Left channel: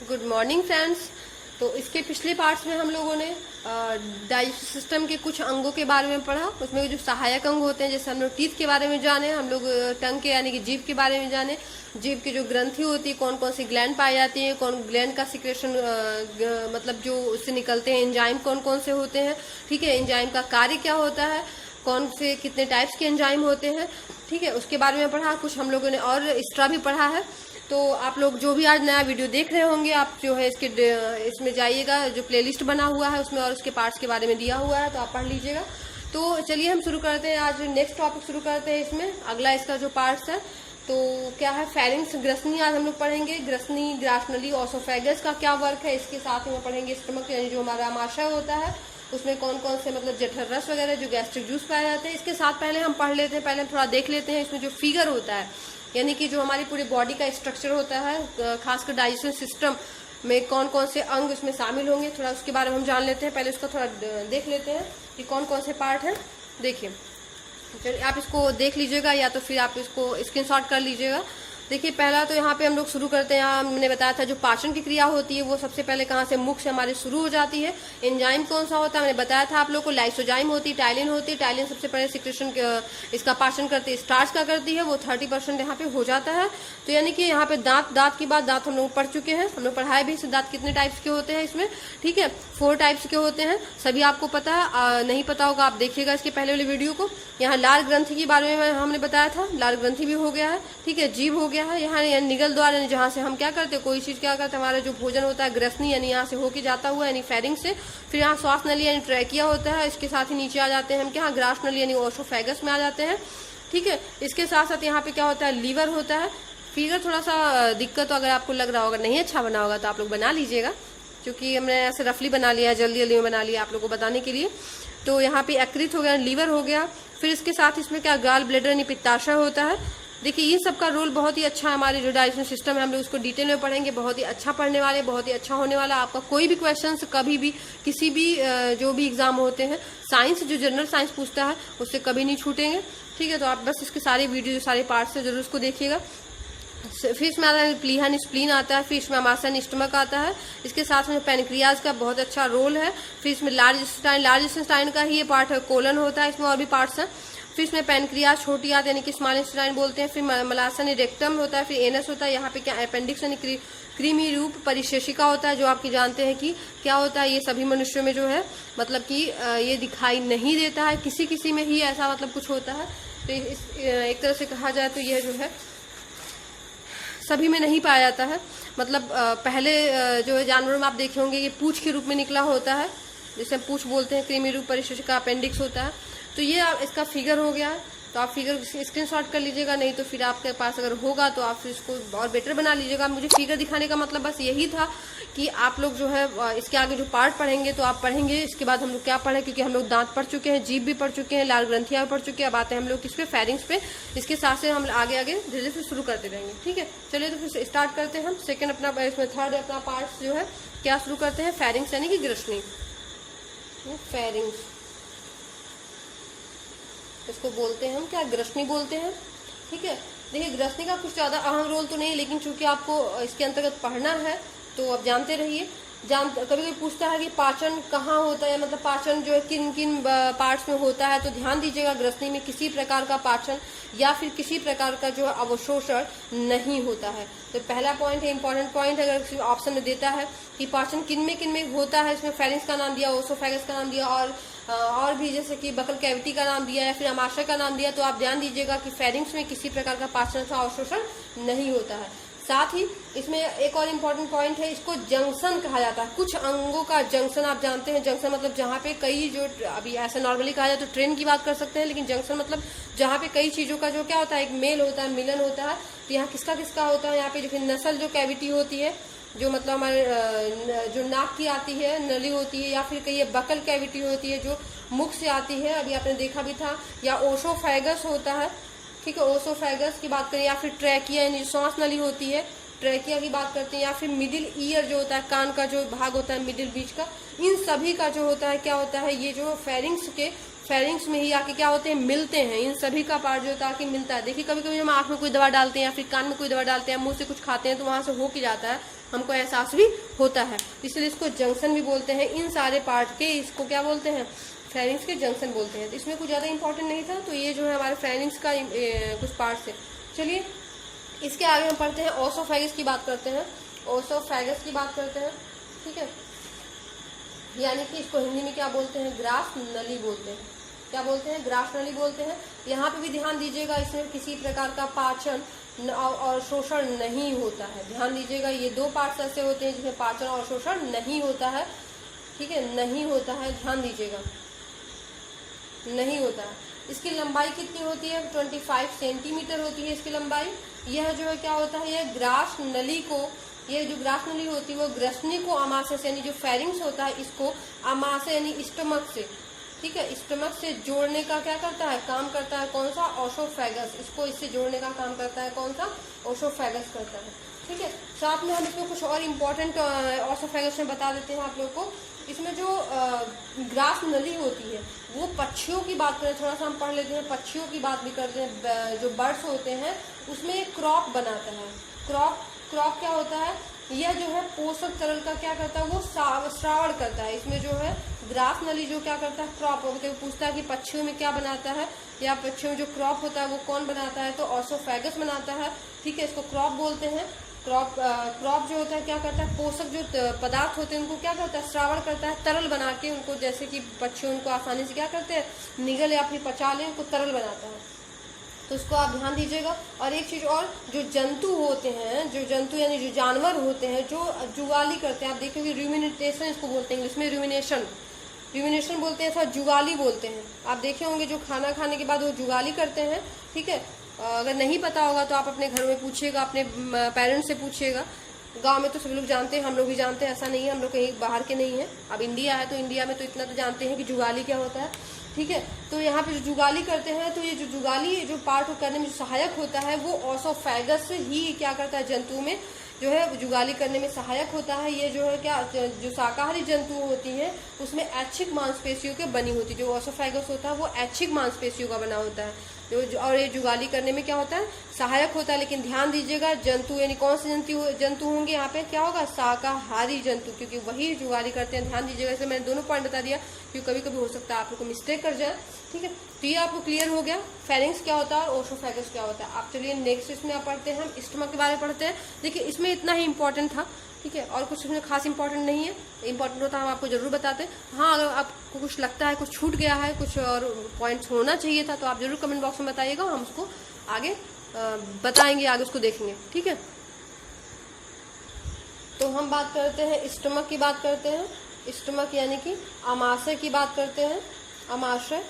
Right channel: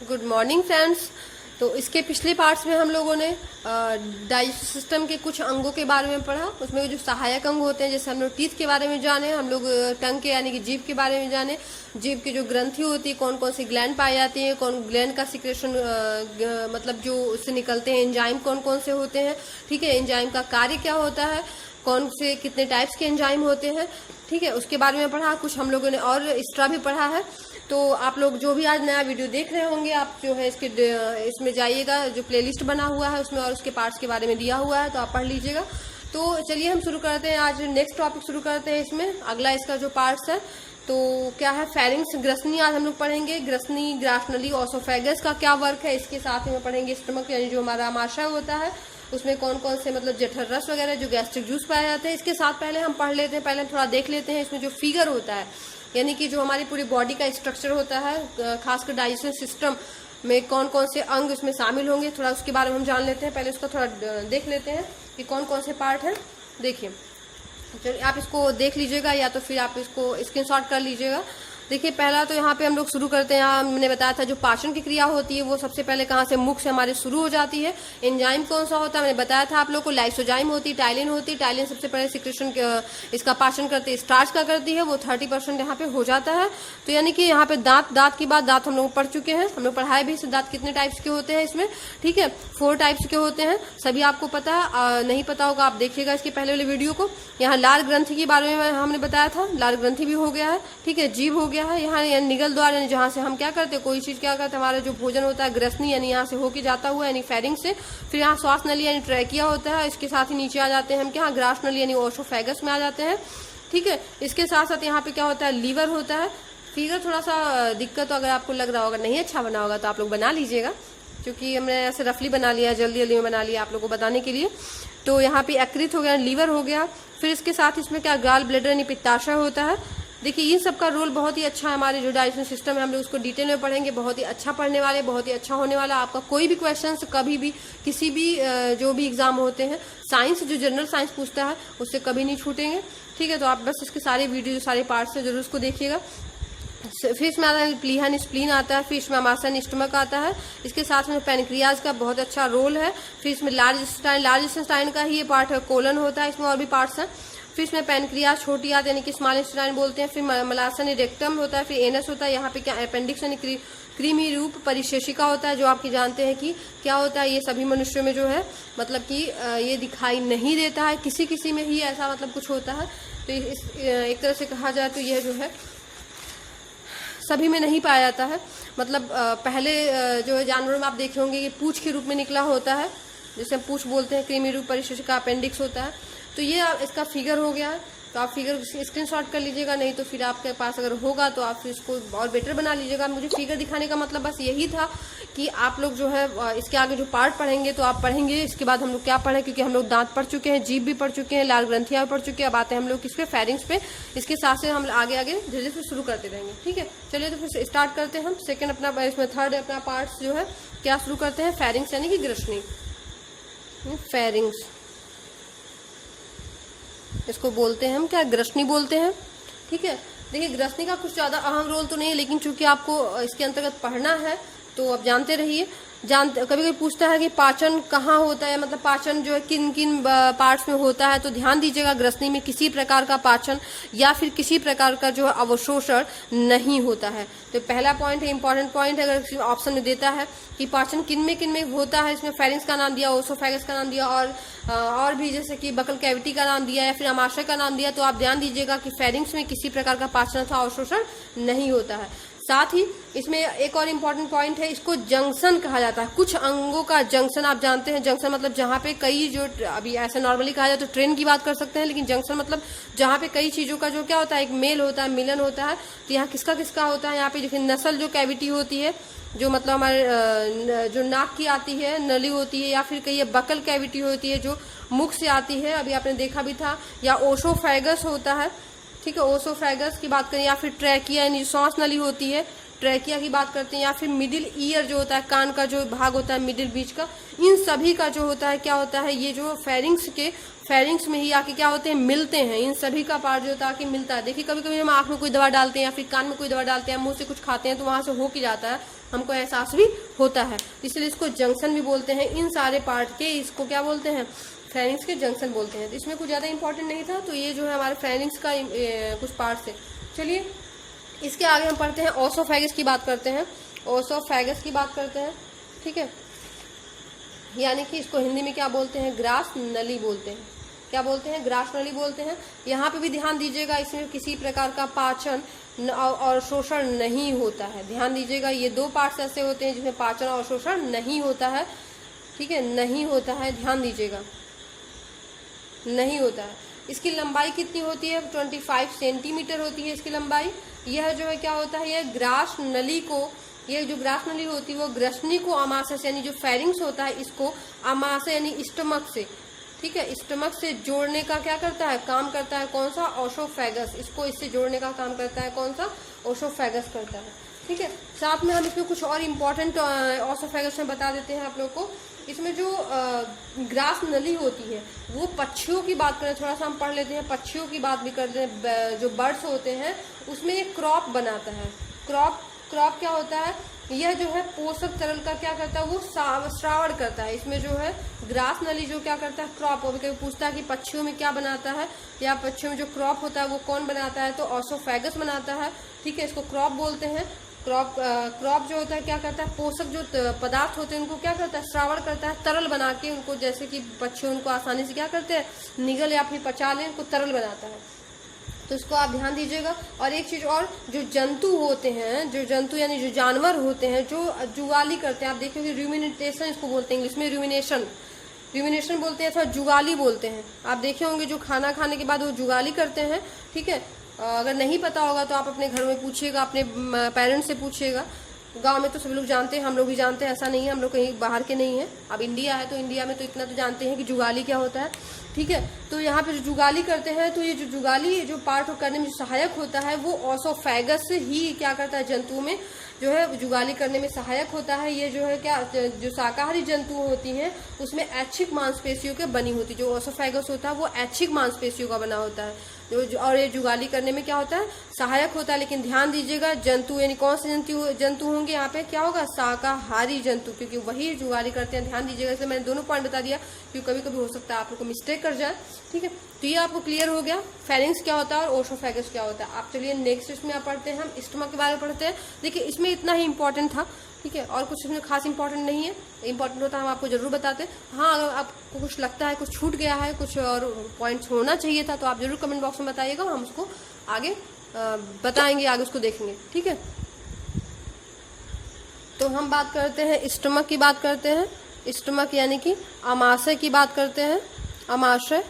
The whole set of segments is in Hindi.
Good morning friends. तो इसके पिछले पार्ट्स में हम लोगों ने डाइजेस्टिव सिस्टम के कुछ अंगों के बारे में पढ़ा। उसमें जो सहायक अंग होते हैं, जैसे हम लोग टीथ के बारे में जाने, हम लोग टंग के यानी कि जीभ के बारे में जाने। जीभ की जो ग्रंथि होती है, कौन कौन सी ग्लैंड पाई जाती है, कौन ग्लैंड का सिक्रेशन मतलब जो उससे निकलते हैं एंजाइम कौन कौन से होते हैं, ठीक है। एंजाइम का कार्य क्या होता है, कौन से कितने टाइप्स के एंजाइम होते हैं, ठीक है, उसके बारे में पढ़ा। कुछ हम लोगों ने और एक्स्ट्रा भी पढ़ा है। तो आप लोग जो भी आज नया वीडियो देख रहे होंगे, आप जो है इसमें जाइएगा, जो प्लेलिस्ट बना हुआ है उसमें और उसके पार्ट्स के बारे में दिया हुआ है, तो आप पढ़ लीजिएगा। तो चलिए हम शुरू करते हैं, आज नेक्स्ट टॉपिक शुरू करते हैं। इसमें अगला इसका जो पार्ट्स है तो क्या है, फेरिंग्स, ग्रसनी आज हम लोग पढ़ेंगे। ग्रसनी, ग्रासनली, ओसोफेगस का क्या वर्क है, इसके साथ में पढ़ेंगे स्टमक यानी जो हमारा आमाशय होता है, उसमें कौन कौन से मतलब जठर रस वगैरह जो गैस्ट्रिक जूस पाए जाते हैं। इसके साथ पहले हम पढ़ लेते हैं, पहले हम थोड़ा देख लेते हैं इसमें जो फिगर होता है, यानी कि जो हमारी पूरी बॉडी का स्ट्रक्चर होता है, खासकर डाइजेशन सिस्टम में कौन कौन से अंग इसमें शामिल होंगे, थोड़ा उसके बारे में हम जान लेते हैं। पहले उसको थोड़ा देख लेते हैं कि कौन कौन से पार्ट है। देखिए, चलिए आप इसको देख लीजिएगा या तो फिर आप इसको स्क्रीनशॉट कर लीजिएगा। देखिए, पहला तो यहाँ पे हम लोग शुरू करते हैं। यहाँ हमने बताया था जो पाचन की क्रिया होती है वो सबसे पहले कहाँ से, मुख से हमारे शुरू हो जाती है। एंजाइम कौन सा होता है मैंने बताया था आप लोग को, लाइसोजाइम होती है, टाइलिन होती है। टाइलिन सबसे पहले सिक्रेशन इसका पाचन करती है, स्टार्च का करती है, वो 30% यहाँ पे हो जाता है। तो यानी कि यहाँ पे दांत की बात, दांत हम लोग पढ़ चुके हैं, हम लोग पढ़ाए भी। दांत कितने टाइप्स के होते हैं इसमें, ठीक है, 4 टाइप्स के होते हैं, सभी आपको पता है। नहीं पता होगा आप देखिएगा इसके पहले वाले वीडियो को। यहाँ लाल ग्रंथि के बारे में हमने बताया था, लाल ग्रंथि भी हो गया है, ठीक है। जीभ हो गया है, यहाँ निगल द्वार यानी जहाँ से हम क्या करते हैं, कोई चीज क्या करते हैं, हमारा जो भोजन होता है ग्रसनी यानी यहाँ से होके जाता हुआ यानी फेरिंग से। फिर यहाँ श्वास नली यानी ट्रैकिया होता है, इसके साथ ही नीचे आ जाते हैं हम क्या, ग्रास नली यानी ओसोफेगस में आ जाते हैं, ठीक है। इसके साथ साथ यहाँ पे क्या होता है, लीवर होता है। फिगर थोड़ा सा दिक्कत, तो अगर आपको लग रहा होगा नहीं अच्छा बना होगा तो आप लोग बना लीजिएगा, क्योंकि हमने ऐसे रफली बना लिया, जल्दी जल्दी में बना लिया आप लोग को बताने के लिए। तो यहाँ पे यकृत हो गया, लीवर हो गया। फिर इसके साथ इसमें क्या, गाल ब्लैडर यानी पित्ताशय होता है। देखिए, इन सब का रोल बहुत ही अच्छा है, हमारे जो डाइजेशन सिस्टम है हम लोग उसको डिटेल में पढ़ेंगे। बहुत ही अच्छा पढ़ने वाले, बहुत ही अच्छा होने वाला। आपका कोई भी क्वेश्चन कभी भी किसी भी जो भी एग्जाम होते हैं, साइंस जो जनरल साइंस पूछता है उससे कभी नहीं छूटेंगे, ठीक है। तो आप बस इसके सारे वीडियो जो सारे पार्ट्स है जरूर उसको देखिएगा। फिर इसमें आता है प्लीहन, स्प्लीन आता है। फिर इसमें अमाशन, स्टमक आता है। इसके साथ में पैनक्रियाज का बहुत अच्छा रोल है। फिर इसमें लार्ज इंटेस्टाइन का ही ये पार्ट है, कोलन होता है, इसमें और भी पार्ट्स हैं। फिर इसमें पैनक्रियाज छोटी आती है यानी कि स्मॉल इंटेस्टाइन बोलते हैं। फिर मलासन, रेक्टम होता है। फिर एनस होता है, यहाँ पे क्या अपेंडिक्स यानी क्रीमी रूप परिशेषिका होता है, जो आपकी जानते हैं कि क्या होता है। ये सभी मनुष्यों में जो है मतलब कि ये दिखाई नहीं देता है, किसी किसी में ही ऐसा मतलब कुछ होता है। तो एक तरह से कहा जाए तो यह जो है सभी में नहीं पाया जाता है। मतलब पहले जो है जानवरों में आप देखे होंगे ये पूंछ के रूप में निकला होता है, जैसे हम पूंछ बोलते हैं, क्रीमी रूप परिशेषिका अपेंडिक्स होता है। तो ये इसका फिगर हो गया है। तो आप फिगर स्क्रीनशॉट कर लीजिएगा, नहीं तो फिर आपके पास अगर होगा तो आप इसको और बेटर बना लीजिएगा। मुझे फिगर दिखाने का मतलब बस यही था कि आप लोग जो है इसके आगे जो पार्ट पढ़ेंगे तो आप पढ़ेंगे। इसके बाद हम लोग क्या पढ़े, क्योंकि हम लोग दांत पढ़ चुके हैं, जीभ भी पढ़ चुके हैं, लाल ग्रंथियां पढ़ चुके हैं। अब आते हैं हम लोग किस पे, फेरिंग्स पे। इसके साथ से हम आगे आगे धीरे धीरे शुरू करते रहेंगे, ठीक है। चलिए तो फिर स्टार्ट करते हैं हम सेकेंड अपना, इसमें थर्ड अपना पार्ट जो है क्या शुरू करते हैं, फेरिंग्स यानी कि ग्रसनी। फेरिंग्स इसको बोलते हैं हम क्या, ग्रसनी बोलते हैं, ठीक है। देखिए, ग्रसनी का कुछ ज्यादा अहम रोल तो नहीं है, लेकिन चूंकि आपको इसके अंतर्गत पढ़ना है तो आप जानते रहिए। कभी कभी पूछता है कि पाचन कहाँ होता है, मतलब पाचन जो है किन किन पार्ट्स में होता है, तो ध्यान दीजिएगा ग्रसनी में किसी प्रकार का पाचन या फिर किसी प्रकार का जो अवशोषण नहीं होता है। तो पहला पॉइंट है, इंपॉर्टेंट पॉइंट है, अगर ऑप्शन में देता है कि पाचन किन में होता है, इसमें फेरिंग्स का नाम दिया, ओसोफेगस का नाम दिया और भी जैसे कि बकल कैविटी का नाम दिया या फिर अमाशय का नाम दिया, तो आप ध्यान दीजिएगा कि फेरिंग्स में किसी प्रकार का पाचन अथवा अवशोषण नहीं होता है। साथ ही इसमें एक और इम्पोर्टेंट पॉइंट है, इसको जंक्शन कहा जाता है। कुछ अंगों का जंक्शन आप जानते हैं, जंक्शन मतलब जहाँ पे कई जो, अभी ऐसे नॉर्मली कहा जाए तो ट्रेन की बात कर सकते हैं, लेकिन जंक्शन मतलब जहाँ पे कई चीजों का जो क्या होता है, एक मेल होता है, मिलन होता है। तो यहाँ किसका किसका होता है, यहाँ पे देखिए नसल जो कैविटी होती है, जो मतलब हमारे जो नाक की आती है, नली होती है, या फिर कहीं बकल कैविटी होती है जो मुख से आती है, अभी आपने देखा भी था, या ओसोफेगस होता है, ठीक है, ओसोफेगस की बात करें, या फिर ट्रैकिया यानी श्वास नली होती है, ट्रैकिया की बात करते हैं, या फिर मिडिल ईयर जो होता है, कान का जो भाग होता है मिडिल बीच का, इन सभी का जो होता है क्या होता है, ये जो फेरिंग्स में ही आके क्या होते हैं, मिलते हैं। इन सभी का पार्ट जो होता है आके मिलता है। देखिए, कभी कभी हम आंख में कोई दवा डालते हैं या फिर कान में कोई दवा डालते हैं, मुंह से कुछ खाते हैं तो वहां से हो के जाता है, हमको एहसास भी होता है, इसलिए इसको जंक्शन भी बोलते हैं। इन सारे पार्ट के इसको क्या बोलते हैं, फेरिंग्स के जंक्शन बोलते हैं। तो इसमें कुछ ज़्यादा इंपॉर्टेंट नहीं था, तो ये जो है हमारे फेरिंग्स का कुछ पार्ट्स है। चलिए इसके आगे हम पढ़ते हैं ओसोफेगस की बात करते हैं, ओसोफेगस की बात करते हैं, ठीक है। यानी कि इसको हिंदी में क्या बोलते हैं, ग्रास नली बोलते हैं। क्या बोलते हैं, ग्रास नली बोलते हैं। यहाँ पे भी ध्यान दीजिएगा, इसमें किसी प्रकार का पाचन और शोषण नहीं होता है। ध्यान दीजिएगा, ये दो पार्ट्स ऐसे होते हैं जिसमें पाचन और शोषण नहीं होता है, ठीक है, नहीं होता है, ध्यान दीजिएगा, नहीं होता है। इसकी लंबाई कितनी होती है, 25 सेंटीमीटर होती है इसकी लंबाई। यह जो है क्या होता है, यह ग्रास नली को, ये जो ग्रास नली होती है वो ग्रसनी को अमाशय से, यानी जो फेरिंग्स होता है इसको अमाशय यानी स्टमक से, ठीक है, स्टमक से जोड़ने का क्या करता है, काम करता है। कौन सा, ओसोफेगस, इसको इससे जोड़ने का काम करता है। कौन सा, ओसोफेगस करता है, ठीक है। साथ में हम इसमें कुछ और इम्पोर्टेंट ओसोफेगस में बता देते हैं आप लोग को। इसमें जो ग्रास नली होती है वो पक्षियों की बात करें, थोड़ा सा हम पढ़ लेते हैं, पक्षियों की बात भी करते हैं। जो बर्ड्स होते हैं उसमें एक क्रॉप बनाता है। क्रॉप क्या होता है, यह जो है पोषक तरल का क्या करता है, वो श्रावण करता है। इसमें जो है ग्रास नली जो क्या करता है, क्रॉप। तो पूछता है कि पक्षियों में क्या बनाता है, या पक्षियों में जो क्रॉप होता है वो कौन बनाता है, तो ओसोफेगस बनाता है, ठीक है, इसको क्रॉप बोलते हैं। क्रॉप जो होता है क्या करता है, पोषक जो पदार्थ होते हैं उनको क्या करता है, श्रावण करता है, तरल बना के उनको, जैसे कि पक्षी उनको आसानी से क्या करते हैं, निगल या फिर पचा लें, उनको तरल बनाता है। तो इसको आप ध्यान दीजिएगा। और एक चीज और, जो जंतु होते हैं, जो जंतु यानी जो जानवर होते हैं जो जुगाली करते हैं, आप देखोगे रूमिनेशन इसको बोलते हैं, इंग्लिश में रूमिनेशन बोलते हैं अथवा जुगाली बोलते हैं। आप देखे होंगे जो खाना खाने के बाद वो जुगाली करते हैं, ठीक है। अगर नहीं पता होगा तो आप अपने घर में पूछिएगा, अपने पेरेंट्स से पूछिएगा। गांव में तो सब लोग जानते हैं, हम लोग भी जानते हैं, ऐसा नहीं है हम लोग कहीं बाहर के नहीं है। अब इंडिया है तो इंडिया में तो इतना तो जानते हैं कि जुगाली क्या होता है, ठीक है। तो यहाँ पे जो जुगाली करते हैं, तो ये जो जुगाली जो पार्ट करने में जो सहायक होता है वो ओसोफेगस ही क्या करता है, जंतुओं में जो है जुगाली करने में सहायक होता है। ये जो है क्या, जो शाकाहारी जंतु होती है उसमें ऐच्छिक मांसपेशियों के बनी होती है। जो ओसोफेगस होता है वो ऐच्छिक मांसपेशियों का बना होता है, और ये जुगाली करने में क्या होता है, सहायक होता है। लेकिन ध्यान दीजिएगा, जंतु यानी कौन से जंतु होंगे यहाँ पे, क्या होगा, शाकाहारी जंतु, क्योंकि वही जुगाली करते हैं। ध्यान दीजिएगा, इसलिए मैंने दोनों पॉइंट बता दिया, क्योंकि कभी कभी हो सकता है आप लोग को मिस्टेक कर जाए, ठीक है। तो ये आपको क्लियर हो गया, फेरिंग्स क्या होता है और ओसोफेगस क्या होता है। आप चलिए नेक्स्ट इसमें आप पढ़ते हैं, हम स्टमक के बारे में पढ़ते हैं। देखिए इसमें इतना ही इंपॉर्टेंट था, ठीक है, और कुछ इसमें खास इंपॉर्टेंट नहीं है। इंपॉर्टेंट होता है हम आपको जरूर बताते हैं। हाँ, अगर आपको कुछ लगता है कुछ छूट गया है, कुछ और पॉइंट्स होना चाहिए था, तो आप जरूर कमेंट बॉक्स में बताइएगा, हम उसको आगे बताएंगे, आगे उसको देखेंगे, ठीक है। तो हम बात करते हैं स्टमक की बात करते हैं। स्टमक यानी कि अमाशय की बात करते हैं, अमाशय,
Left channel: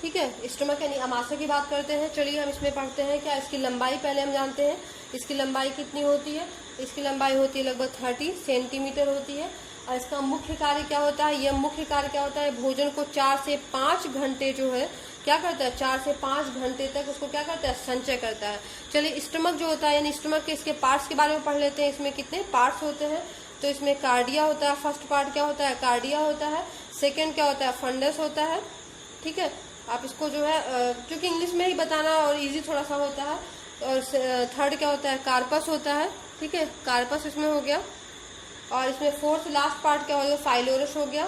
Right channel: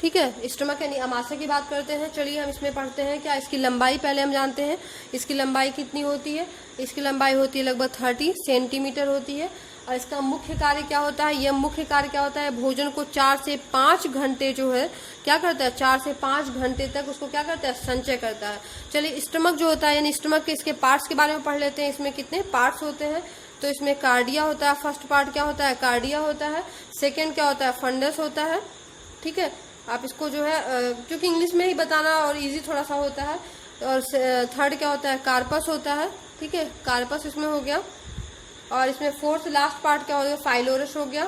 ठीक है। स्टमक यानी अमाशय की बात करते हैं। चलिए हम इसमें पढ़ते हैं क्या, इसकी लंबाई पहले हम जानते हैं। इसकी लंबाई कितनी होती है, इसकी लंबाई होती है लगभग 30 सेंटीमीटर होती है। और इसका मुख्य कार्य क्या होता है, यह मुख्य कार्य क्या होता है, भोजन को 4 से 5 घंटे जो है क्या करता है, 4 से 5 घंटे तक उसको क्या करता है, संचय करता है। चलिए स्टमक जो होता है, यानी स्टमक के इसके पार्ट्स के बारे में पढ़ लेते हैं। इसमें कितने पार्ट्स होते हैं, तो इसमें कार्डिया होता है। फर्स्ट पार्ट क्या होता है, कार्डिया होता है। सेकेंड क्या होता है, फंडस होता है, ठीक है। आप इसको जो है क्योंकि इंग्लिश में ही बताना और इजी थोड़ा सा होता है। और थर्ड क्या होता है, कार्पस होता है, ठीक है, कार्पस इसमें हो गया। और इसमें फोर्थ लास्ट पार्ट क्या हो गया, फाइलोरस हो गया,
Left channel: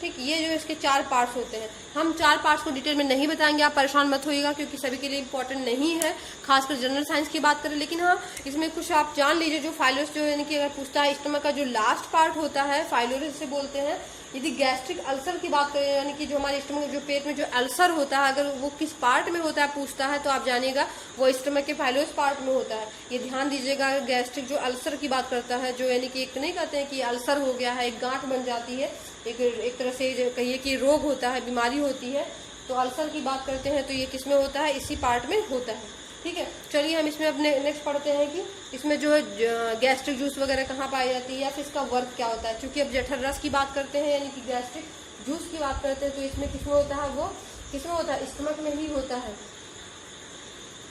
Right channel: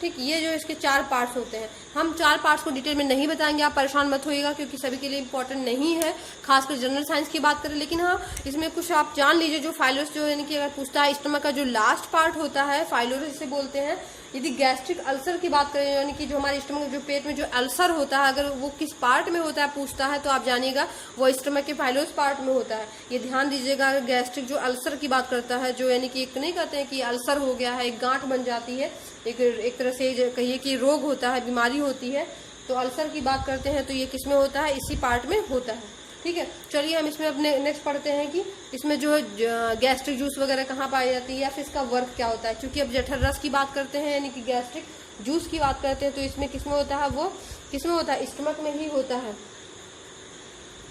ठीक। ये जो इसके 4 पार्ट्स होते हैं, हम 4 पार्ट्स को डिटेल में नहीं बताएंगे, आप परेशान मत होइएगा, क्योंकि सभी के लिए इंपॉर्टेंट नहीं है, खासकर जनरल साइंस की बात करें। लेकिन हाँ, इसमें कुछ आप जान लीजिए, जो फाइलोरस जो यानी कि अगर पूछता है स्टमक का जो लास्ट पार्ट होता है, फाइलोरस से बोलते हैं। यदि गैस्ट्रिक अल्सर की बात करें, यानी कि जो हमारे स्टमक जो पेट में जो अल्सर होता है, अगर वो किस पार्ट में होता है पूछता है, तो आप जानिएगा वो स्टमक के फाइलोरस पार्ट में होता है। ये ध्यान दीजिएगा। गैस्ट्रिक जो अल्सर की बात करता है, जो यानी कि एक नहीं कहते हैं कि अल्सर हो गया है, एक गांठ बन जाती है, एक तरह से कहिए कि रोग होता है, बीमारी होती है, तो अल्सर की बात करते हैं, तो ये किस में होता है, इसी पार्ट में होता है, ठीक है। चलिए हम इसमें अपने नेक्स्ट पढ़ते हैं कि इसमें जो है गैस्ट्रिक जूस वगैरह कहाँ पाई जाती है, या फिर इसका वर्क क्या होता है। क्योंकि अब जठर रस की बात करते हैं, यानी कि गैस्ट्रिक जूस की बात करते हैं, तो इसमें किसमें होता है, वो किसमें होता है, स्टमक में ही होता है,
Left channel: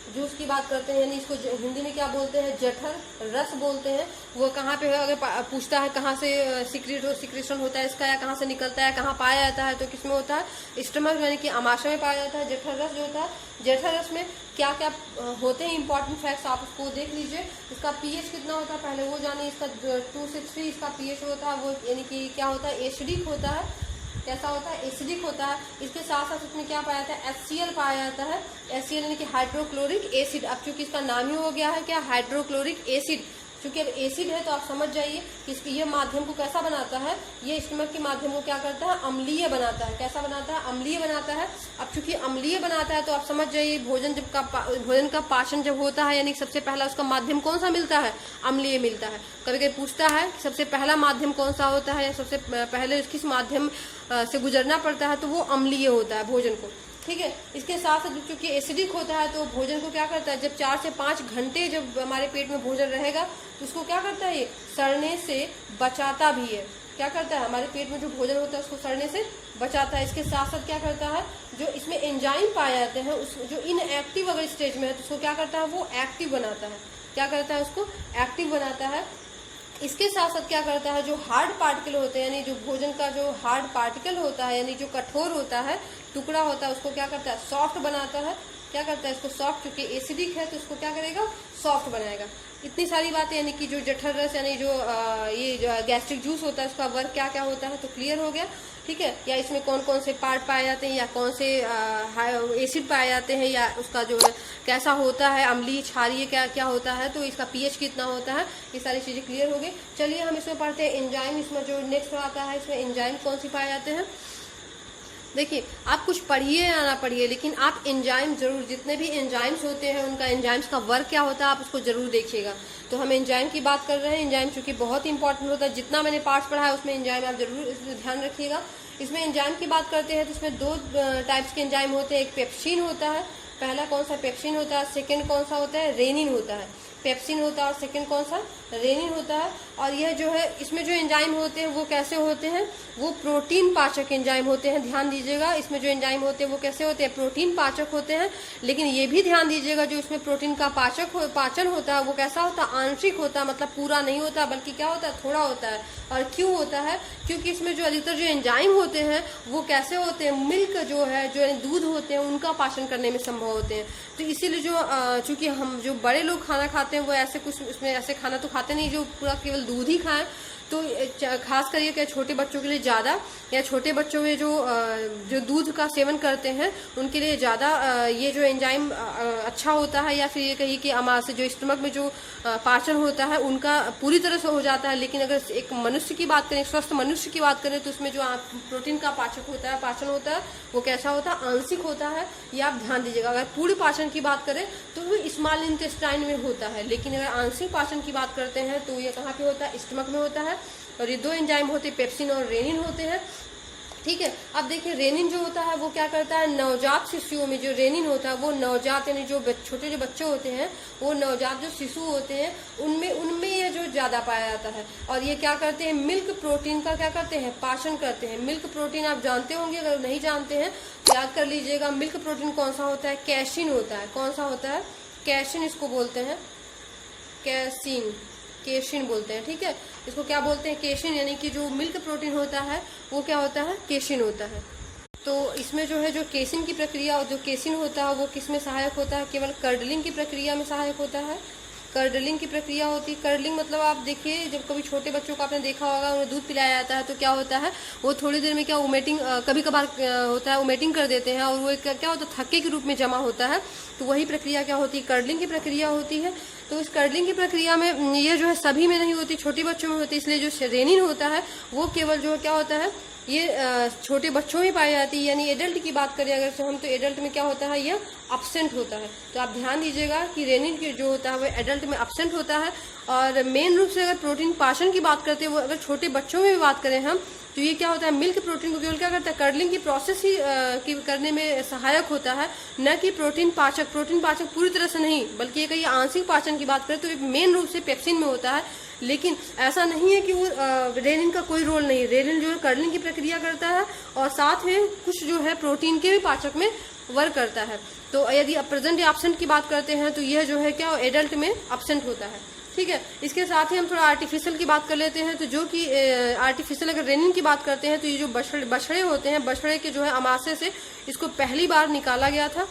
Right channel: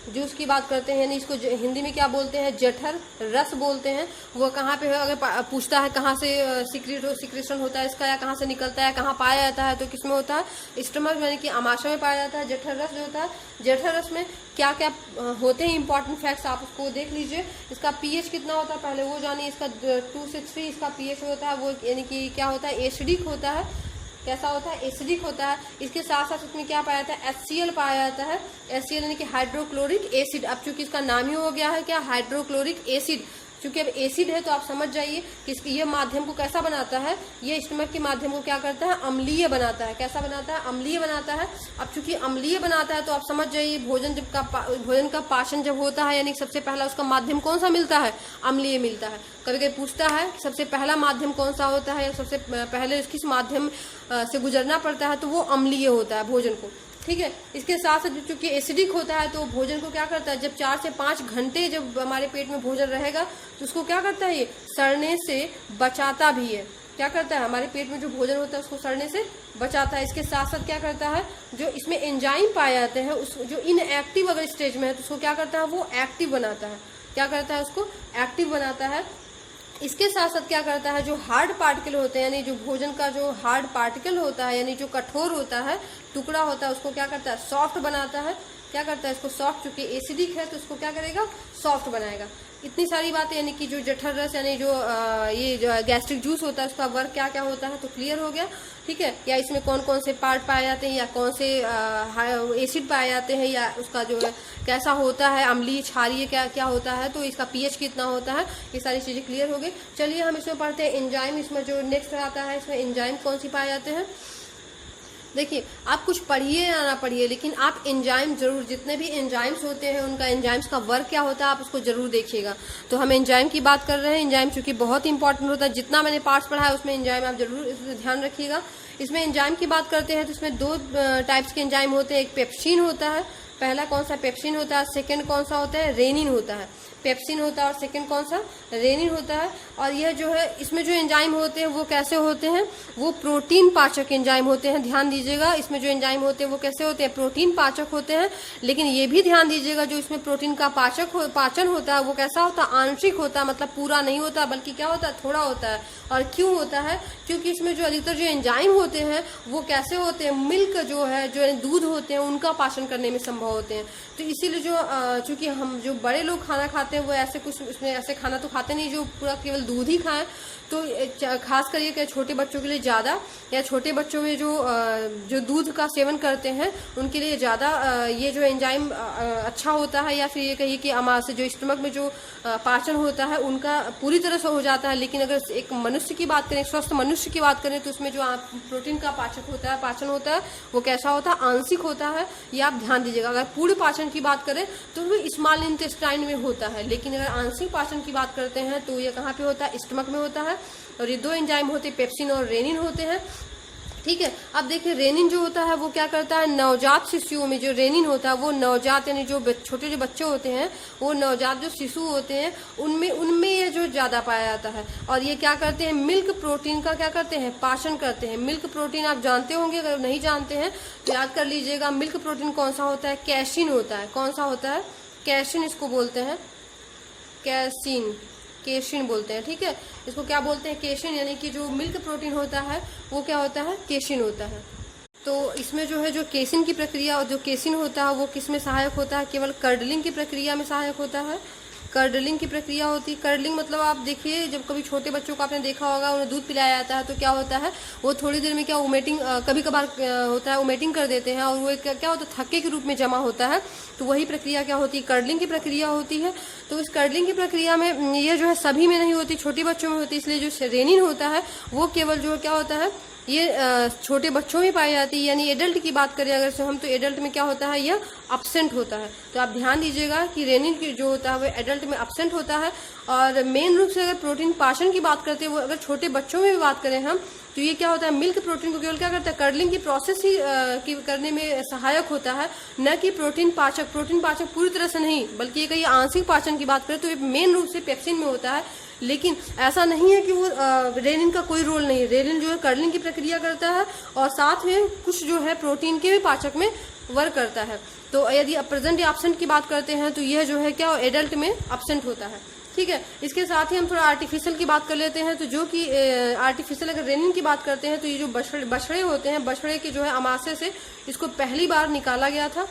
जूस की बात करते हैं, यानी इसको हिंदी में क्या बोलते हैं, जठर रस बोलते हैं। वो कहाँ पे है, अगर पूछता है कहाँ से सिक्रेशन होता है इसका, या कहाँ से निकलता है, कहाँ पाया जाता है, तो किसमें होता है, स्टमक यानी कि आमाशय में पाया जाता है। जठर रस जो होता है, जठर रस में क्या क्या होते हैं इंपॉर्टेंट फैक्ट्स आप उसको देख लीजिए। इसका पीएच कितना होता है पहले वो जानिए। इसका 2 से 3 इसका पीएच होता है, वो यानी कि क्या होता है, एसिडिक होता है। कैसा होता है, एसिडिक होता है। इसके साथ साथ उसमें क्या पाया जाता है, HCl पाया जाता है। HCl यानी कि हाइड्रोक्लोरिक एसिड। अब चूंकि इसका नाम ही हो गया है क्या, हाइड्रोक्लोरिक एसिड, चूंकि अब एसिड है तो आप समझ जाइए कि ये माध्यम को कैसा बनाता है, ये स्टमक के माध्यम को क्या करता है, अम्लीय बनाता है। कैसा बनाता है, अम्लीय बनाता है। अब चूंकि अम्लीय बनाता है तो आप समझ जाइए भोजन का पाचन जब होता है, यानी सबसे पहला उसका माध्यम कौन सा मिलता है, अम्लीय मिलता है। करके पूछता है सबसे पहला माध्यम कौन सा होता है, या सबसे पहले किस माध्यम से गुजरना पड़ता है, तो वो अम्लीय होता है भोजन को। ठीक है, इसके साथ साथ चूंकि एसिडिक होता है तो भोजन को क्या करता है, जब 4 से 5 घंटे जब हमारे पेट में भोजन रहेगा तो उसको क्या करता है, ये सड़ने से बचाता भी है। क्या करता है, हमारे पेट में जो भोजन होता है उसको सड़ने से बचाता है। इसके साथ साथ क्या करता है, जो इसमें एंजाइम पाए जाते हैं उस जो इनएक्टिव अगर स्टेज में है तो उसको क्या करता है, वो एक्टिव बनाता है। क्या करता है, उसको एक्टिव बनाता है। इसके साथ साथ क्या करता है, जो हार्ड पार्टिकल होते हैं, यानी जो भोजन का जो हार्ड पार्टिकल होता है, यानी जो कठोर होता है, टुकड़ा होता है, उसको क्या करता है, सॉफ्ट बनाता है। क्या करता है, इसको सॉफ्ट, चूंकि एसिडिक है तो उसको क्या करेगा, सॉफ्ट बनाएगा। इतनी सारी बातें, यानी कि जो जठर रस यानी जो ये जो गैस्ट्रिक जूस होता है उसका वर्क क्या क्या होता है तो क्लियर हो गया। ठीक है, या इसमें कौन कौन से पार्ट पाए जाते हैं, या कौन से एसिड पाए जाते हैं, या उसका जो है कैसा होता है, अम्लीय क्षारीय क्या क्या होता है, तो इसका पीएच कितना होता है, ये सारी चीजें क्लियर हो गई। चलिए हम इसमें पढ़ते हैं एंजाइम। इसमें जो नेक्स्ट आता है, इसमें एंजाइम कौन सी पाए जाते हैं। देखिए, आप कुछ पढ़िए या ना पढ़िए, लेकिन आप एंजाइम जरूर, जितने भी एंजाइम्स होते हैं उनका एंजाइम्स का वर्क क्या होता है आप उसको जरूर देखिएगा। तो हम एंजाइम की बात कर रहे हैं। एंजाइम चूंकि बहुत इंपॉर्टेंट होता है, जितना मैंने पार्ट्स पढ़ा है उसमें एंजाइम आप जरूर इसमें ध्यान रखिएगा। इसमें एंजाइम की बात करते हैं तो इसमें 2 टाइप्स के एंजाइम होते हैं। एक पेप्सिन होता है, पहला कौन सा, पेप्सिन होता है। सेकेंड कौन सा होता है, रेनिन होता है। पेप्सिन होता है और सेकंड कौन सा, रेनिन होता है। और यह जो है, इसमें जो एंजाइम होते हैं वो कैसे होते हैं, वो प्रोटीन पाचक एंजाइम होते हैं। ध्यान दीजिएगा, इसमें जो एंजाइम होते हैं वो कैसे होते हैं, प्रोटीन पाचक होते हैं। लेकिन ये भी ध्यान दीजिएगा, जो इसमें प्रोटीन का पाचन होता है वो कैसा होता है, आंशिक होता है, मतलब पूरा नहीं होता, बल्कि क्या होता है, थोड़ा होता है। और क्यों होता है, क्योंकि इसमें जो अधिकतर जो एंजाइम होते हैं वो कैसे होते हैं, मिल्क जो है, जो दूध होते हैं उनका पाचन करने में संभव होते हैं। तो इसीलिए जो चूंकि हम जो बड़े लोग खाना खाते हैं वो ऐसे कुछ इसमें ऐसे खाना तो खाते नहीं जो पूरा केवल दूध ही खाएं। तो खास करके क्या छोटे बच्चों के लिए ज़्यादा, या छोटे बच्चों में जो दूध का सेवन करते हैं उनके लिए ज़्यादा ये जो एंजाइम अच्छा होता है। या फिर ये कहिए कि से जो स्टमक में जो पाचन होता है उनका पूरी तरह से हो जाता है। लेकिन अगर एक मनुष्य की बात करें, स्वस्थ मनुष्य की बात करें, तो उसमें जो प्रोटीन का पाचन होता है वो कैसा होता है, आंशिक होता है। ये आप ध्यान दीजिएगा। अगर पूर्ण पाचन की बात करें तो वो स्मॉल इंटेस्टाइन में होता है, लेकिन अगर आंशिक पाचन की बात करते हैं तो ये कहाँ पे होता है, स्टमक में होता है। और ये 2 एंजाइम होते हैं, पेप्सिन और रेनिन होते हैं। ठीक है, अब देखिए रेनिन जो होता है वो क्या करता है, नवजात शिशुओं में जो रेनिन होता है वो नवजात यानी जो छोटे जो बच्चे होते हैं, वो नवजात जो शिशु होते हैं उनमें ये जो ज्यादा पाया जाता है। और ये क्या करते हैं, मिल्क प्रोटीन का क्या करते हैं, पाचन करते हैं। मिल्क प्रोटीन आप जानते होंगे, अगर नहीं जानते हैं तो याद कर लीजिएगा। मिल्क प्रोटीन कौन सा होता है, कैसिन होता है। कौन सा होता है, कैसिन इसको बोलते हैं, केशिन बोलते हैं। ठीक है, इसको क्या बोलते हैं, केशिन, यानी कि जो मिल्क प्रोटीन होता है वो क्या होता है, केशिन होता है। तो इसमें जो है जो केसिन की प्रक्रिया और जो केसिन होता है वो किस में सहायक होता है, केवल कर्डलिंग की प्रक्रिया में सहायक होता है। कर्डलिंग की प्रक्रिया होती है। कर्डलिंग मतलब आप देखिए, जब कभी छोटे बच्चों को आपने देखा होगा उन्हें दूध पिलाया जाता है तो क्या होता है, वो थोड़ी देर में क्या वोमिटिंग कभी कभार होता है, वोमिटिंग कर देते हैं और वो क्या होता है, थक्के के रूप में जमा होता है। तो वही प्रक्रिया क्या होती है, कर्डलिंग की प्रक्रिया होती है। तो इस कर्डलिंग की प्रक्रिया में ये जो है सभी में नहीं होती, छोटे बच्चों में होती है। इसलिए जो रेनिन होता है वो केवल जो क्या होता है, ये छोटे बच्चों में पाई जाती है। यानी एडल्ट की बात करें अगर से हम, तो एडल्ट में क्या होता है, ये अब्सेंट होता है। तो आप ध्यान दीजिएगा कि रेनिन जो होता है वो एडल्ट में अब्सेंट होता है। और मेन रूप से अगर प्रोटीन पाचन की बात करते हैं, वो अगर छोटे बच्चों में भी बात करें हम, तो ये क्या होता है, मिल्क प्रोटीन को केवल क्या करता है, कर्डलिंग की प्रोसेस ही करने में सहायक होता है, न कि प्रोटीन पाचक। प्रोटीन पाचक पूरी तरह से नहीं, बल्कि ये कहीं आंशिक पाचन की बात करें तो मेन रूप से पेप्सिन में होता है। लेकिन ऐसा नहीं है कि वो रेनिन का कोई रोल नहीं। रेनिन जो है कर्डलिंग की प्रक्रिया करता है और साथ में कुछ जो है प्रोटीन के भी पाचक में वर्क करता है। तो यदि प्रेजेंट या एब्सेंट की बात करते हैं तो यह जो है क्या एडल्ट में एब्सेंट होता है। ठीक है, इसके साथ ही हम थोड़ा आर्टिफिशियल की बात कर लेते हैं। तो जो कि आर्टिफिशियल अगर रेनिन की बात करते हैं तो ये जो बछड़े होते हैं, बछड़े के जो है अमाशय से इसको पहली बार निकाला गया था।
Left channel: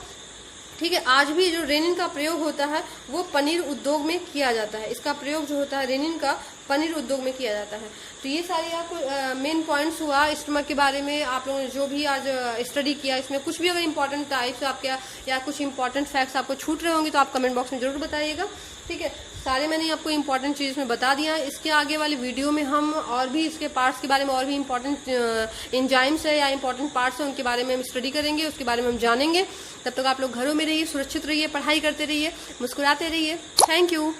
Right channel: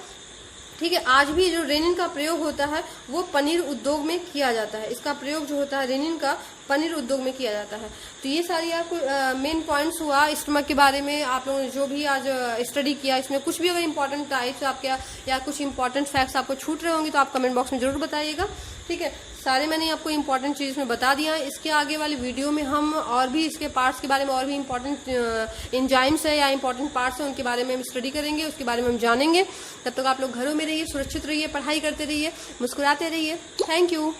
ठीक है, आज भी जो रेनिन का प्रयोग होता है वो पनीर उद्योग में किया जाता है। इसका प्रयोग जो होता है रेनिन का पनीर उद्योग में किया जाता है। तो ये सारी आपको मेन पॉइंट्स हुआ स्टमक के बारे में। आप लोगों ने जो भी आज स्टडी किया, इसमें कुछ भी अगर इंपॉर्टेंट टाइप्स आपके या कुछ इंपॉर्टेंट फैक्ट्स आपको छूट रहे होंगे तो आप कमेंट बॉक्स में जरूर बताइएगा। ठीक है, सारे मैंने आपको इंपॉर्टेंट चीज में बता दिया। इसके आगे वाली वीडियो में हम और भी इसके पार्ट्स के बारे में और भी इंपॉर्टेंट एंजाइम्स है या इंपॉर्टेंट पार्ट्स है उनके बारे में हम स्टडी करेंगे, उसके बारे में हम जानेंगे। तब तक आप लोग घरों में रहिए, सुरक्षित रहिए, पढ़ाई करते रहिए, मुस्कुराते रहिए। Thank you.